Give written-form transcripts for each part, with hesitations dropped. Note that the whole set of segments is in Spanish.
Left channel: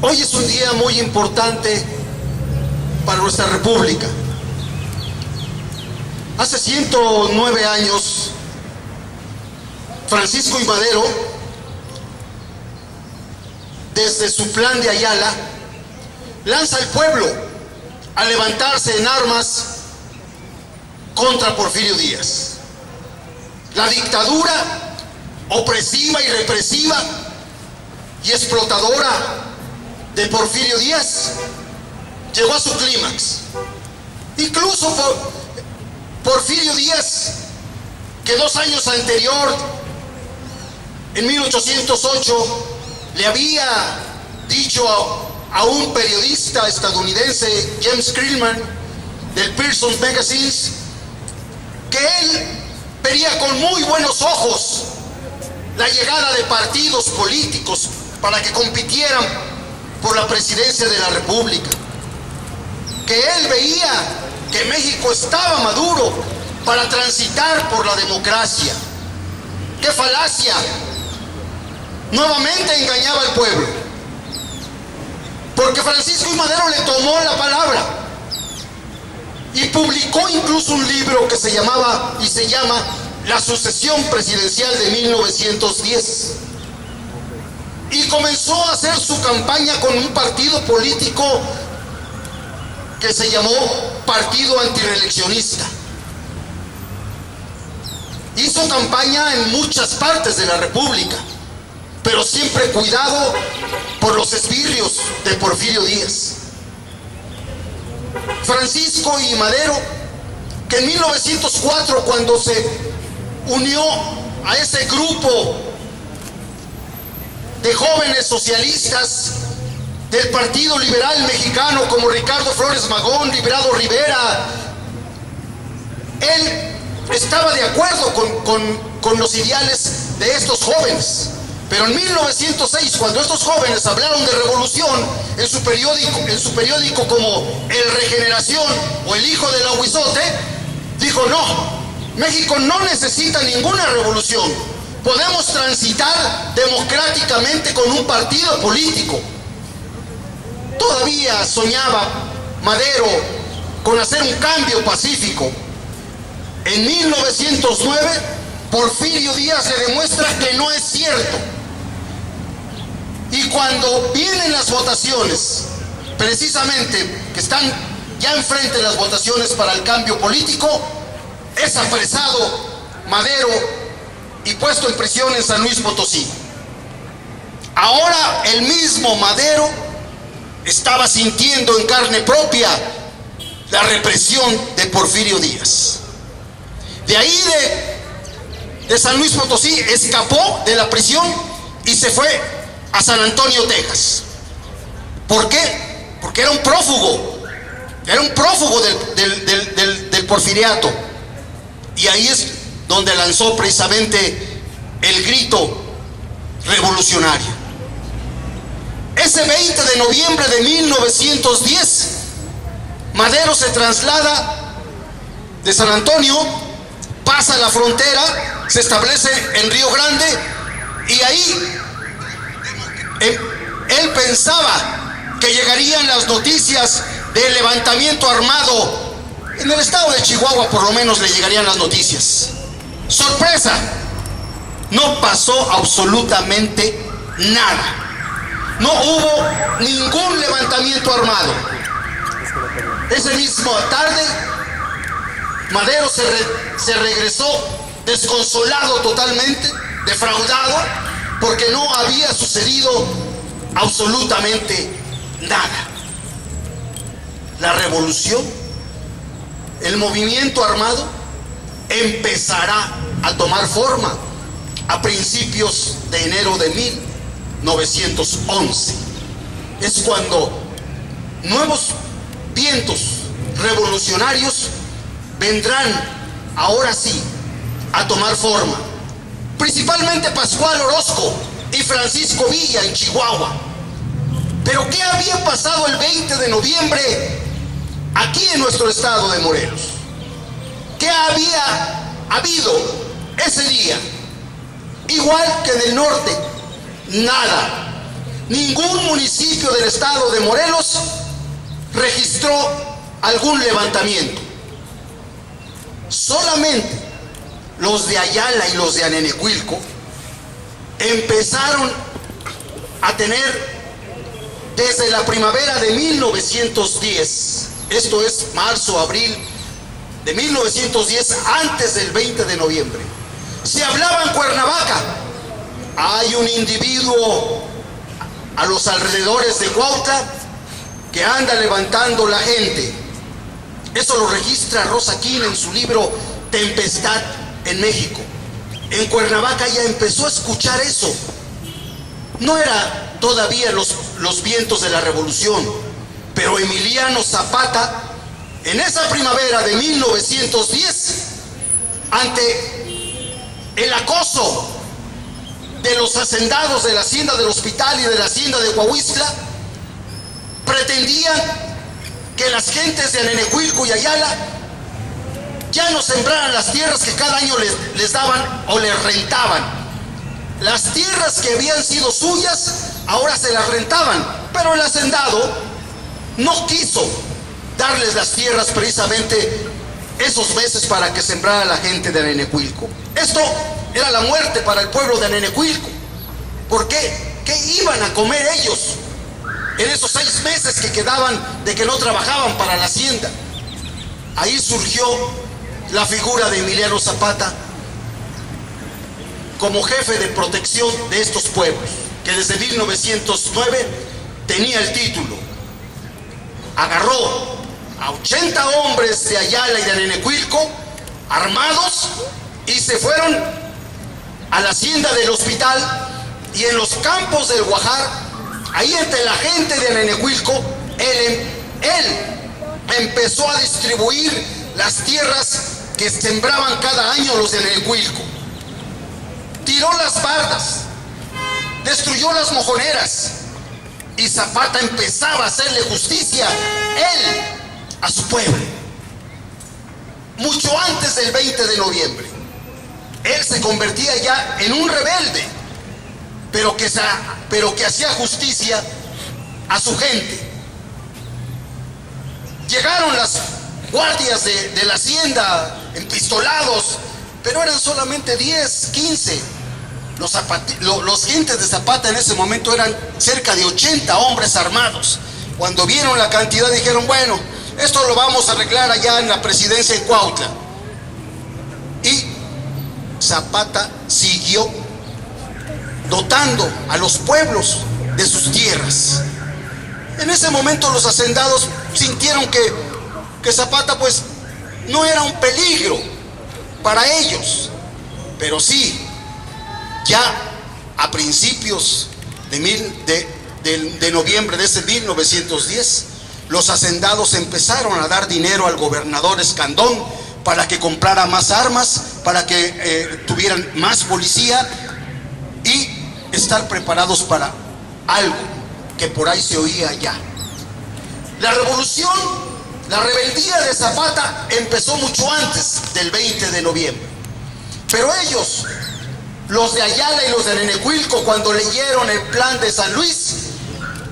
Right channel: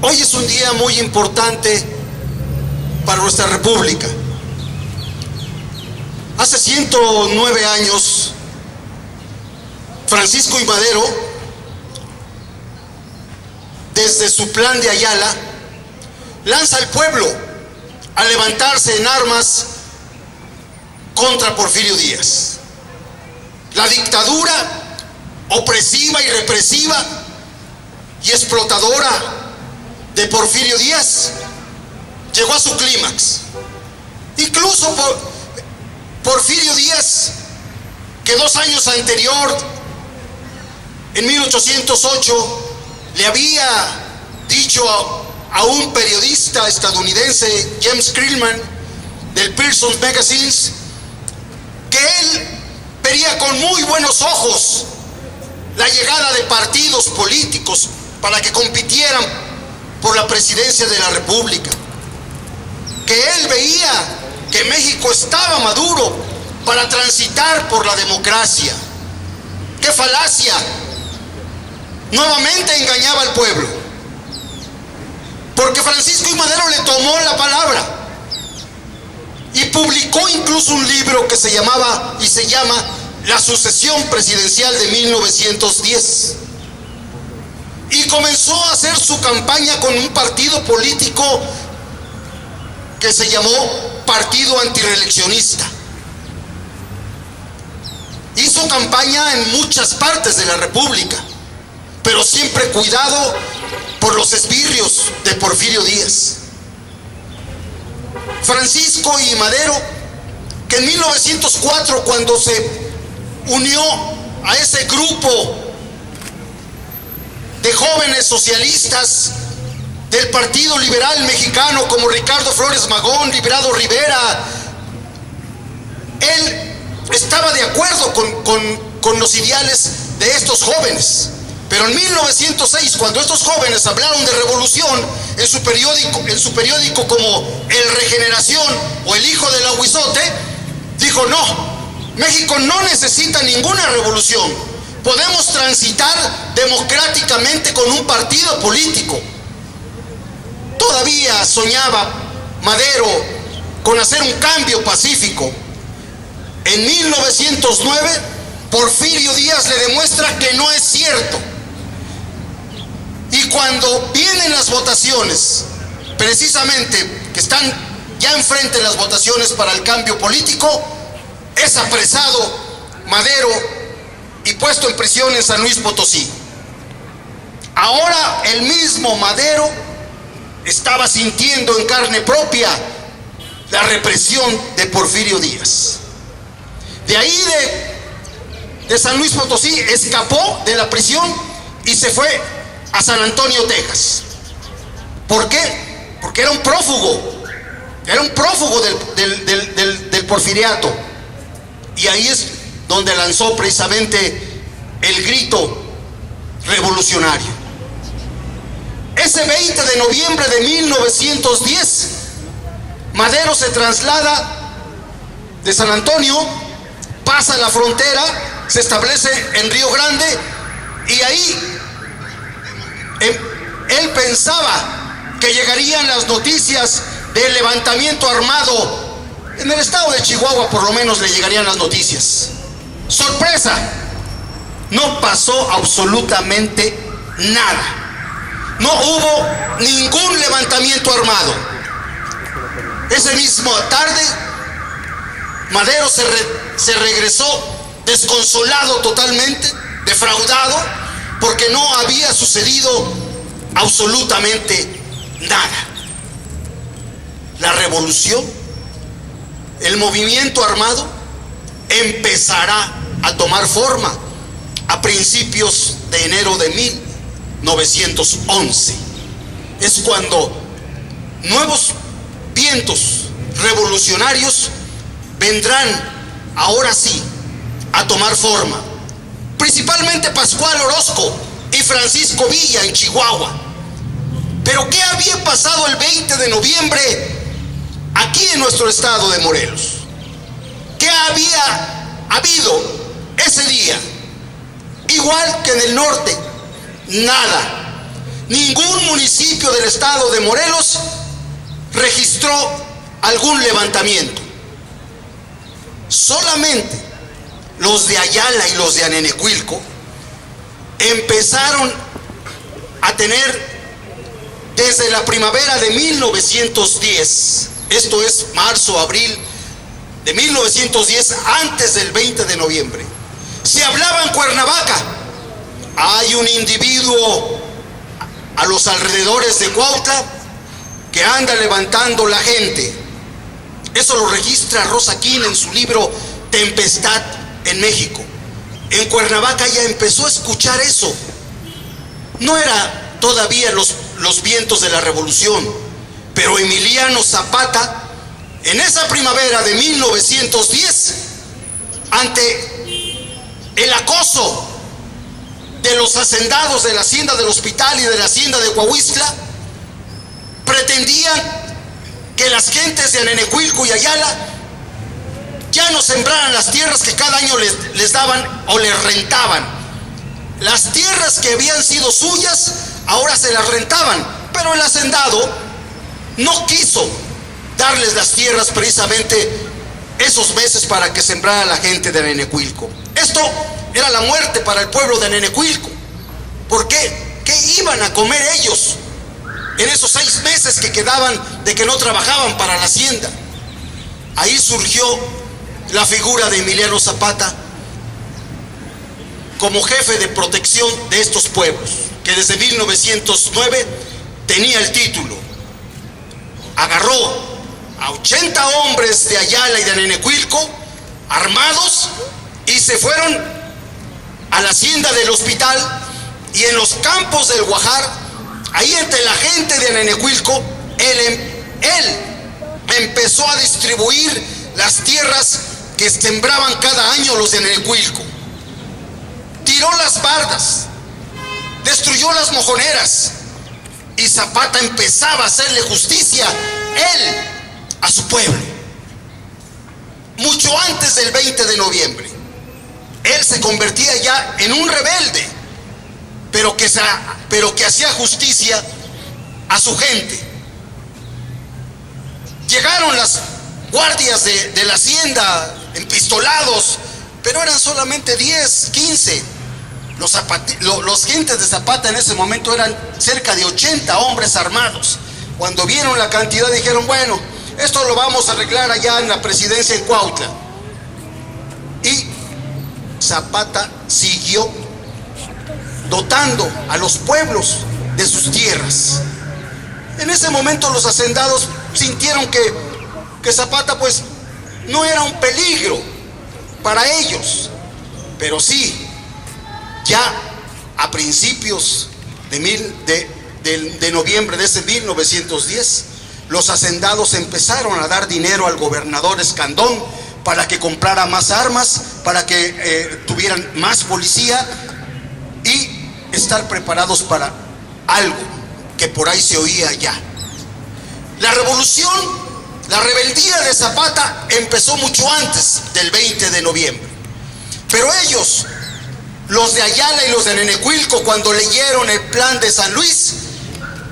Hoy es un día muy importante para nuestra República. Hace 109 años, Francisco I. Madero, desde su plan de Ayala, lanza al pueblo a levantarse en armas contra Porfirio Díaz. La dictadura opresiva y represiva y explotadora de Porfirio Díaz llegó a su clímax. Incluso Porfirio Díaz, que 2 años anterior, en 1808, le había dicho a un periodista estadounidense, James Krillman, del Pearson's Magazines, que él vería con muy buenos ojos la llegada de partidos políticos para que compitieran por la presidencia de la República, que él veía que México estaba maduro para transitar por la democracia. ¡Qué falacia! Nuevamente engañaba al pueblo, porque Francisco I. Madero le tomó la palabra y publicó incluso un libro que se llama La sucesión presidencial de 1910, y comenzó a hacer su campaña con un partido político que se llamó Partido Antireeleccionista. Hizo campaña en muchas partes de la República, pero siempre cuidado por los esbirrios de Porfirio Díaz. Francisco I. Madero, que en 1904, cuando se unió a ese grupo de jóvenes socialistas del Partido Liberal Mexicano, como Ricardo Flores Magón, Librado Rivera, él estaba de acuerdo con los ideales de estos jóvenes. Pero en 1906, cuando estos jóvenes hablaron de revolución en su periódico como El Regeneración o El Hijo del Aguizote, dijo: no, México no necesita ninguna revolución. Podemos transitar democráticamente con un partido político. Todavía soñaba Madero con hacer un cambio pacífico. En 1909, Porfirio Díaz le demuestra que no es cierto. Y cuando vienen las votaciones, precisamente que están ya enfrente las votaciones para el cambio político, es apresado Madero y puesto en prisión en San Luis Potosí. Ahora el mismo Madero estaba sintiendo en carne propia la represión de Porfirio Díaz. De ahí de San Luis Potosí escapó de la prisión y se fue a San Antonio, Texas. ¿Por qué? Porque era un prófugo del porfiriato. Y ahí es donde lanzó precisamente el grito revolucionario. Ese 20 de noviembre de 1910, Madero se traslada de San Antonio, pasa la frontera, se establece en Río Grande, y ahí él pensaba que llegarían las noticias del levantamiento armado. En el estado de Chihuahua por lo menos le llegarían las noticias. ¡Sorpresa! No pasó absolutamente nada. No hubo ningún levantamiento armado. Esa misma tarde, Madero se regresó desconsolado totalmente, defraudado, porque no había sucedido absolutamente nada. La revolución, el movimiento armado, empezará a tomar forma a principios de enero de 1911. Es cuando nuevos vientos revolucionarios vendrán, ahora sí, a tomar forma. Principalmente Pascual Orozco y Francisco Villa en Chihuahua. Pero ¿qué había pasado el 20 de noviembre aquí en nuestro estado de Morelos? ¿Qué había habido ese día? Igual que en el norte, nada. ningún municipio del estado de Morelos registró algún levantamiento. Solamente los de Ayala y los de Anenecuilco empezaron a tener desde la primavera de 1910, esto es marzo, abril de 1910, antes del 20 de noviembre. Se hablaba en Cuernavaca, hay un individuo a los alrededores de Cuautla que anda levantando la gente. Eso lo registra Rosa Quinn en su libro Tempestad en México. En Cuernavaca ya empezó a escuchar eso. No era todavía los vientos de la revolución, pero Emiliano Zapata, en esa primavera de 1910, ante el acoso de los hacendados de la hacienda del Hospital y de la hacienda de Coahuistla, pretendían que las gentes de Anenecuilco y Ayala ya no sembraran las tierras que cada año les daban o les rentaban. Las tierras que habían sido suyas ahora se las rentaban, pero el hacendado no quiso darles las tierras precisamente esos meses para que sembrara la gente de Anenecuilco. Esto era la muerte para el pueblo de Anenecuilco. ¿Por qué? ¿Qué iban a comer ellos en esos 6 meses que quedaban de que no trabajaban para la hacienda? Ahí surgió la figura de Emiliano Zapata como jefe de protección de estos pueblos, que desde 1909 tenía el título. Agarró a 80 hombres de Ayala y de Anenecuilco armados y se fueron a la hacienda del Hospital, y en los campos del Guajar, ahí entre la gente de Anenecuilco, él empezó a distribuir las tierras que sembraban cada año los de Anenecuilco. Tiró las bardas, destruyó las mojoneras, y Zapata empezaba a hacerle justicia, él, a su pueblo. Mucho antes del 20 de noviembre, él se convertía ya en un rebelde, pero que hacía justicia a su gente. Llegaron las guardias de la hacienda empistolados, pero eran solamente 10, 15. Los gentes de Zapata en ese momento eran cerca de 80 hombres armados. Cuando vieron la cantidad dijeron, bueno, esto lo vamos a arreglar allá en la presidencia en Cuautla. Y Zapata siguió dotando a los pueblos de sus tierras. En ese momento los hacendados sintieron que Zapata pues no era un peligro para ellos, pero sí, ya a principios de noviembre de ese 1910, los hacendados empezaron a dar dinero al gobernador Escandón para que comprara más armas, para que tuvieran más policía y estar preparados para algo que por ahí se oía ya. La revolución, la rebeldía de Zapata empezó mucho antes del 20 de noviembre. Pero ellos, los de Ayala y los de Anenecuilco, cuando leyeron el plan de San Luis,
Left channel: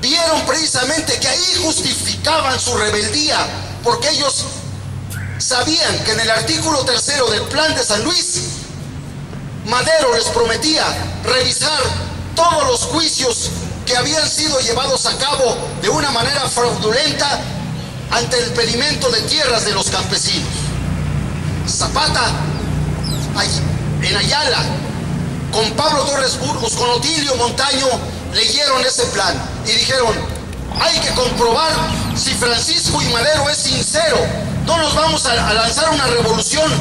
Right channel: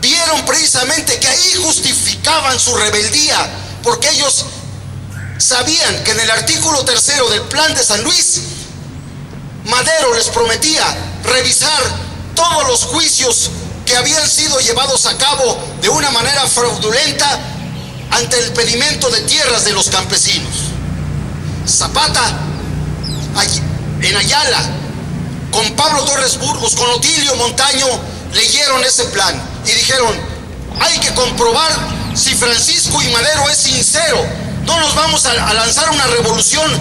vieron precisamente que ahí justificaban su rebeldía, porque ellos sabían que en el artículo 3 del plan de San Luis, Madero les prometía revisar todos los juicios que habían sido llevados a cabo de una manera fraudulenta ante el pedimento de tierras de los campesinos. Zapata, en Ayala, con Pablo Torres Burgos, con Otilio Montaño, leyeron ese plan y dijeron, hay que comprobar si Francisco y Madero es sincero. No nos vamos a lanzar una revolución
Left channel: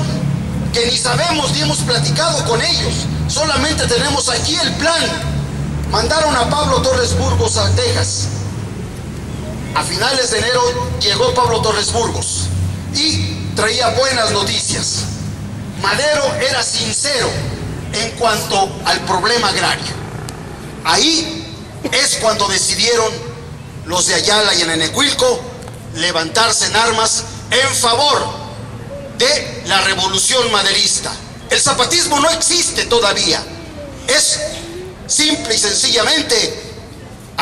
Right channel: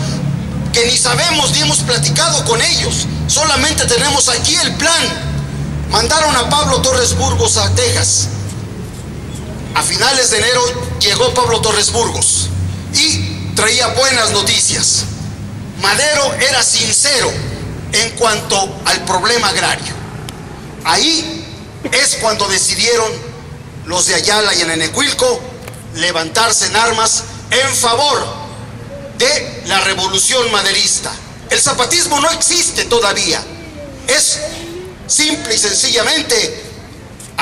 que ni sabemos ni hemos platicado con ellos. Solamente tenemos aquí el plan. Mandaron a Pablo Torres Burgos a Texas. A finales de enero llegó Pablo Torres Burgos y traía buenas noticias. Madero era sincero en cuanto al problema agrario. Ahí es cuando decidieron los de Ayala y Anenecuilco levantarse en armas en favor de la revolución maderista. El zapatismo no existe todavía. Es simple y sencillamente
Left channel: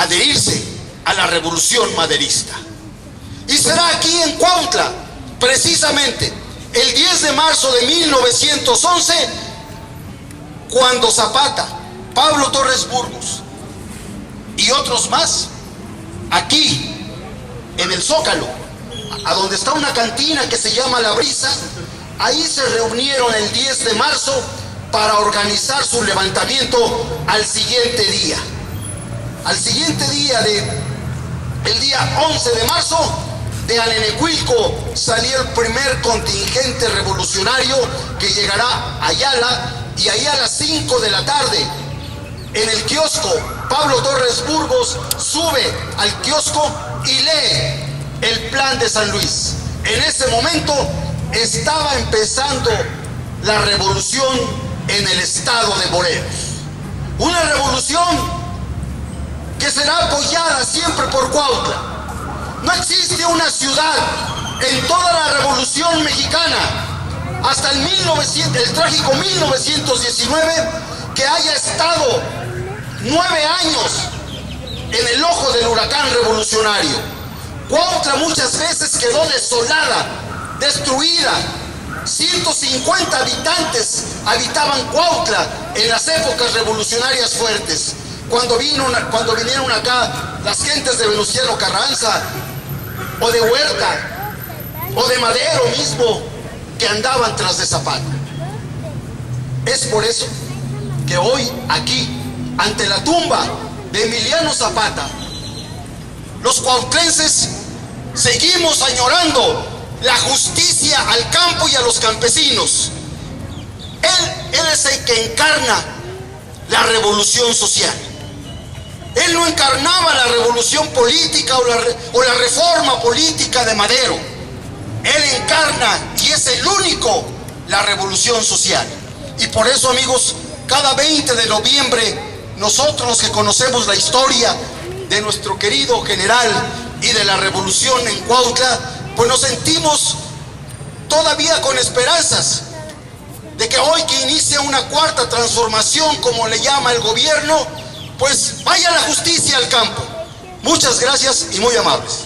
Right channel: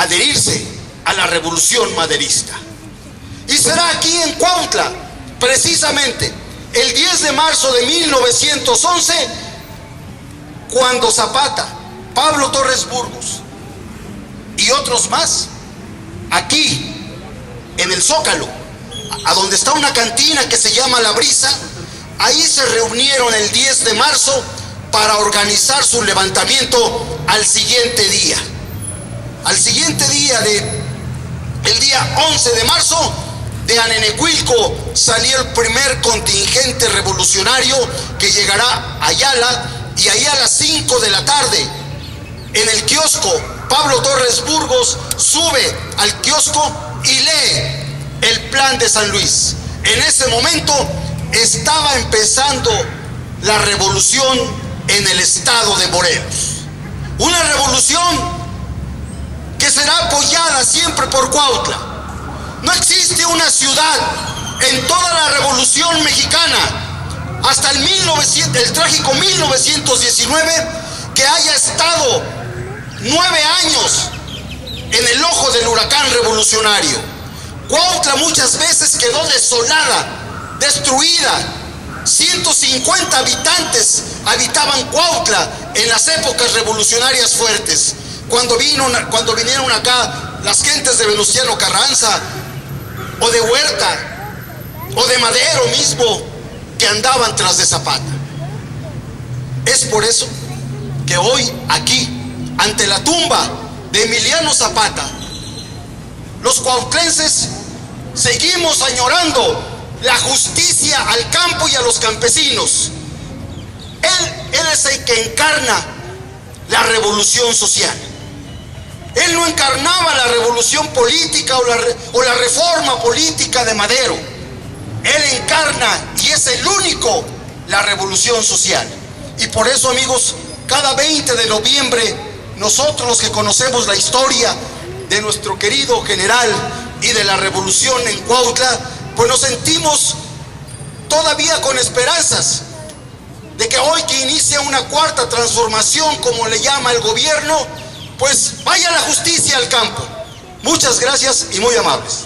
adherirse a la revolución maderista. Y será aquí en Cuautla, precisamente el 10 de marzo de 1911, cuando Zapata, Pablo Torres Burgos y otros más, aquí en el Zócalo, a donde está una cantina que se llama La Brisa, ahí se reunieron el 10 de marzo para organizar su levantamiento al siguiente día. Al siguiente día, el día 11 de marzo, de Anenecuilco salió el primer contingente revolucionario que llegará a Ayala, y ahí a las 5 de la tarde, en el kiosco, Pablo Torres Burgos sube al kiosco y lee el plan de San Luis. En ese momento estaba empezando la revolución en el estado de Morelos. Una revolución que será apoyada siempre por Cuautla. No existe una ciudad en toda la Revolución Mexicana, hasta el trágico 1919, que haya estado 9 años en el ojo del huracán revolucionario. Cuautla muchas veces quedó desolada, destruida. 150 habitantes habitaban Cuautla en las épocas revolucionarias fuertes. Cuando vinieron acá las gentes de Venustiano Carranza, o de Huerta, o de Madero mismo, que andaban tras de Zapata. Es por eso que hoy aquí, ante la tumba de Emiliano Zapata, los cuautlenses seguimos añorando la justicia al campo y a los campesinos. Él es el que encarna la revolución social. Él no encarnaba la revolución política o la reforma política de Madero. Él encarna, y es el único, la revolución social. Y por eso, amigos, cada 20 de noviembre, nosotros los que conocemos la historia de nuestro querido general y de la revolución en Cuautla, pues nos sentimos todavía con esperanzas de que hoy, que inicia una cuarta transformación, como le llama el gobierno, pues vaya la justicia al campo. Muchas gracias y muy amables.